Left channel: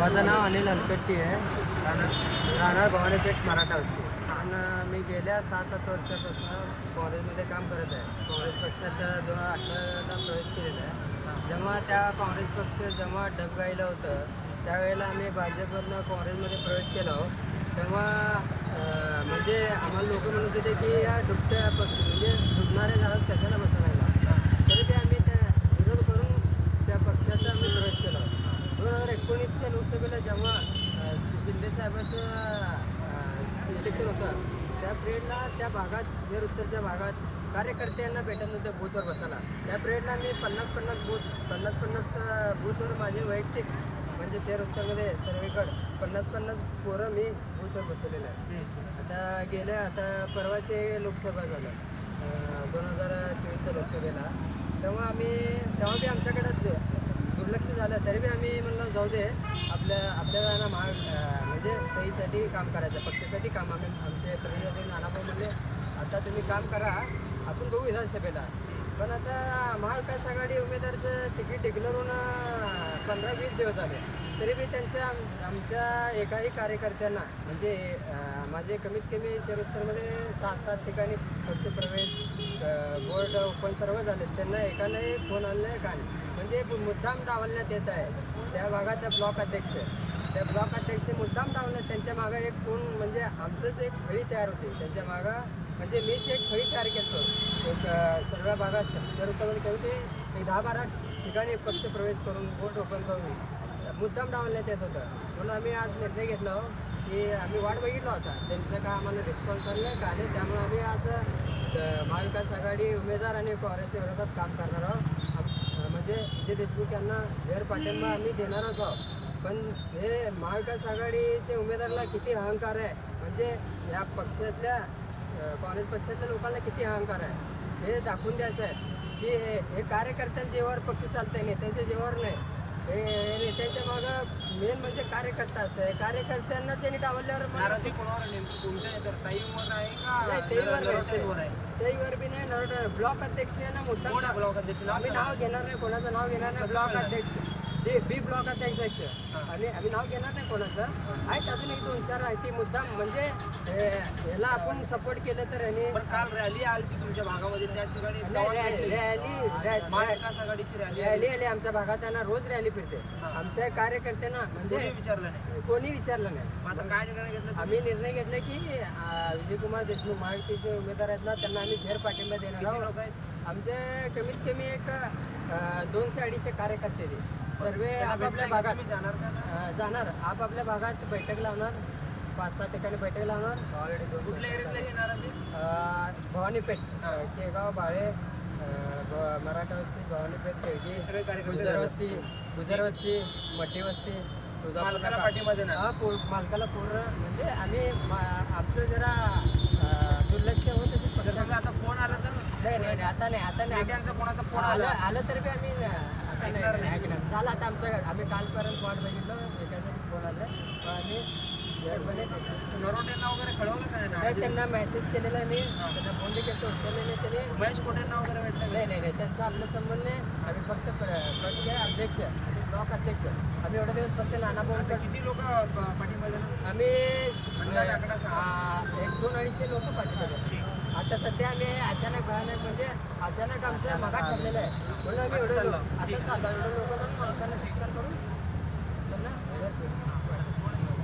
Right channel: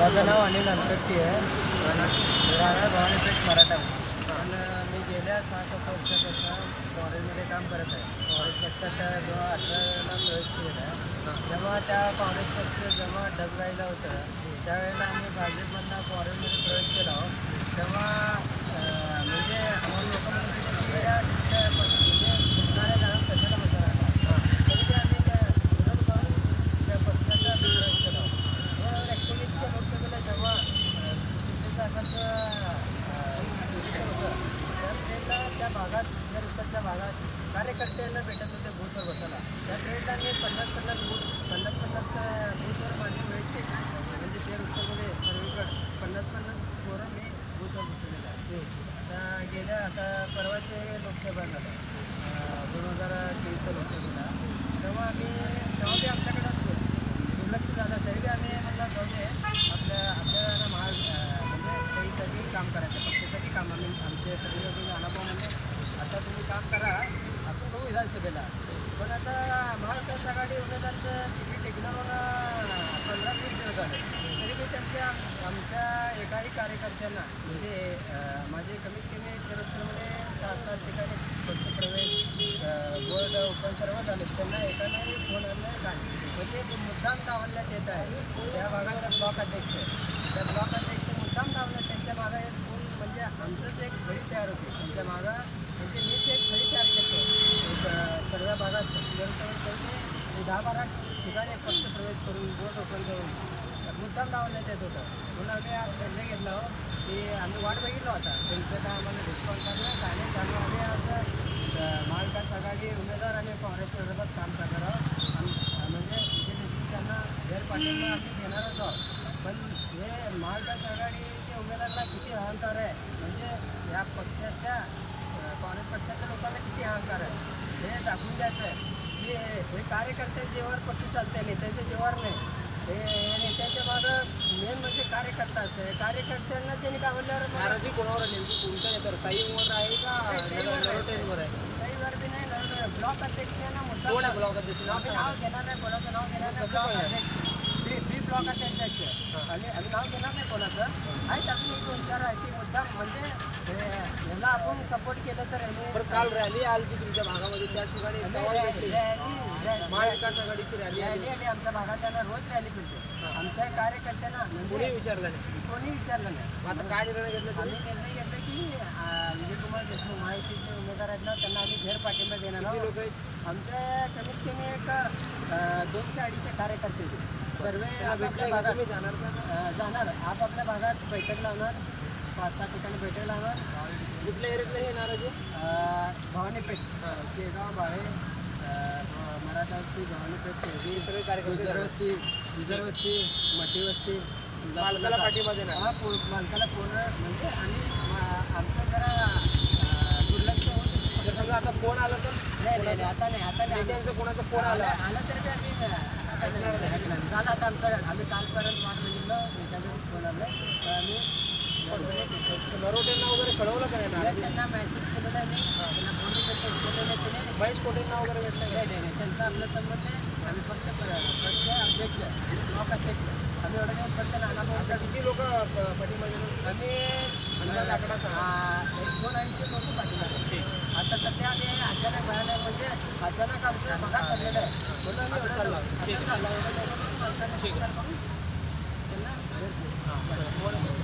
माझं नाव अनिल अनकट्टी आहे. राहणार भवानीपेठ मराठा आणि मी गेल्या सहा सात वर्षापासून कॉलेजमध्ये काम करत आहे. काँग्रेस पक्षात दोन हजार अठराला प्रवेश केलेला आहे. जेव्हा त्या काँग्रेस पक्ष जेव्हा डबगाईला होतं त्यावेळेला आम्ही भाजपमधनं काँग्रेसमध्ये प्रवेश केला आहोत तेव्हा म्हणजे आम्हाला लोक म्हणत होते की या डुबत्या पक्ष म्हणजे डुबणाऱ्या झाडात कशाला बसा राहिला तरी ते आम्ही त्या विरोध करून त्या पक्षाचा आम्ही प्रवेश केला दोन हजार एकोणीसच्या लोकसभेला जेव्हा अं, शिंदे साहेबांचं सिलेक्शन होतं त्या पिरियडला त्या भागात जर उत्तरच्या भागात कार्यकर्त्यांना भेटत नव्हत्या बूथवर बसायला. त्या पिरियडला मी पन्नास पन्नास बूथ पन्नास पन्नास बूथवर माझे वैयक्तिक म्हणजे शहर उत्तरमध्ये सर्वेकडं पन्नास पन्नास पोरं मी बूथवर बसवलेले आहे आता गेल्या आता परवाचे लोकसभा झालं दोन हजार चोवीसच्या लोकसभेला. तेव्हा आम्ही तेव्हा बी आमच्याकडं झालं तरी आम्ही म्हणलं जाऊ दे. आपल्या आपल्याला महा म्हणजे त्यासाठी काम करायचं पक्षासाठी काम. आम्ही आमचे प्रतिनिधी नानाभाऊमध्ये आता तुम्ही काम करा आपण बघू विधानसभेला. पण आता महाविकास आघाडी उमेदवारचं तिकीट डिक्लेअर होऊन पंधरा वीस दिवस झाले. तरी मी त्यांच्या आम आमच्या एकाही कार्यकर्त्यांना म्हणजे माझे कमीत कमी शरदपूरमध्ये सात सात ठिकाणी पक्षप्रवेश ओपन सर्व झाले. त्यांना एकालाही फोन आणलाय का नाही. म्हणजे मुद्दाम डावलण्यात येत आहे. त्या भागाचा ब्लॉक अध्यक्ष. त्या ब्लॉक अध्यक्ष मुद्दाम डावलं त्यांच्या मागं एक कोण म्हणजे आमचंच एक फळी तयार होती. त्यांच्या मागं म्हणजे मीच एक फळी तयार केलो. एक सर्व भागात जर होते दहा बारा ठिकाणी पक्ष प्रवेश करून बोट ओपन करून मुद्दाम डावलण्यात येत होतं. म्हणून आम्ही आज निर्णय घेतला हो. की आम्ही वाट बघितला होता. त्यांचं काय आम्हाला रिस्पॉन्स आलं का? आणि त्यामुळे आम्ही आज महाविकास आघाडी उमेदवार आणि काँग्रेसच्या विरोधात काम करणार आहोत. आम- म्हणजे विजय देशमुख यांना जर पाठिंबा आम्ही देणारच आहोत. पण हे महाविकास आघाडीच्या उमेदवाराला किती अहंकार आहे? म्हणजे या पक्षातल्या काँग्रेस पक्षातल्या लोकांना किती अहंकार आहे? हे दाखवून द्यायचं आहे. की हे हे कार्यकर्त्यांच्या जेव्हावर पक्ष नाही त्यांच्या जेव्हावर नाही. हे नेत्यांच्या मागं मेन म्हणजे कार्यकर्ता असतं कार्यकर्त्यांना त्यांनी डावल्यावर मग नाराजी कोणावर नेमकी कोणत्या आहे? का? ताईंवर आहे. बी नाही नर ब्लॉक अध्यक्ष आहे ना मुद्दा कोण आहे ब्लॉक अध्यक्ष? आम्ही नाव घेणार नाही कोणाचं नाव घेणार नाही ब्लॉक अध्यक्ष. बी बी ब्लॉक अध्यक्ष. आणि आम्ही नाव घेणार नाही कोणाचं. आहेत अजून एक दोन चार आहे ती मुद्दाम म्हणजे हे, याला आपण सपोर्ट केलं तर यांनी काल रॅली आली होती तुमच्या भागामध्ये त्या ठिकाणी रॅली रॅली रॅली आली. आमच्या भागात त्यांना रोज रॅली फिरते. आमच्या कार्यकर्त्यांना म्हणजे विचारलं नाही? कोणी विचारलं नाही. आता काय निर्णय घेतला आम्ही निर्णय घेतला की विजयकुमार देशमुख महायुतीचे उमेदवार आहेत ना त्यांना आम्ही फेर पाठिंबा देणार आहोत. आमच्या कमीत कमी एक दोनशे अडीचशे कार्यकर्ते. सर्व आपापल्या भागात जाणार. आपापल्या भागात बैठक लावणार. पाच सहा ठिकाणी बैठक लावणार. कुठल्या एरियातले हे अं, भवानीपेठ. केगाव बाळे अं, भ- मराठा वस्ती भवानीपेठ तेलगी सगळे कार्यकर्ते गुजर वस्ती गुजर वस्ती मठी वस्ती तुळजापूर मालकाला. हा पूर मालकाला पूर्ण म्हणजे आम्ही आमचं जरा दुर्लक्ष होत आता फोन आला तर नाही नाही नाही, आता नाही आता नाही. नेत्यांचा कोणाचा फोन आलं. आला तरी बी आम्ही आता नाही. झालं आता आमचं आम्ही कालपर्यंत वाट बघितलं एखादं फोन आलं. पण आम्ही नरोटेंना वगैरे कळवलं का नाही? त्यांना मेसेज केलेला मी. त्यांना फोन बी केलं उचलले नाही त्याने. महेश कोटेंना वगैरे भेटलं नाही नाही नाही त्यांचा आपला संबंध नाही. आम्ही फक्त पक्ष अध्यक्ष ब्लॉक अध्यक्ष. आम्ही एवढा दिवस फक्त नाना भाऊ किती लोक देणार? आम्ही अंदाज आकडा एक दोन अडीचशे लोक देतो. आता सध्या आम्ही अचानक भयानक म्हणजे अचानक आमचं मगात ठरलेलं आहे म्हणून आम्ही एवढं. आता चाललो एवढं लोक जाऊन माणसांना स्वीकार करून त्यांना.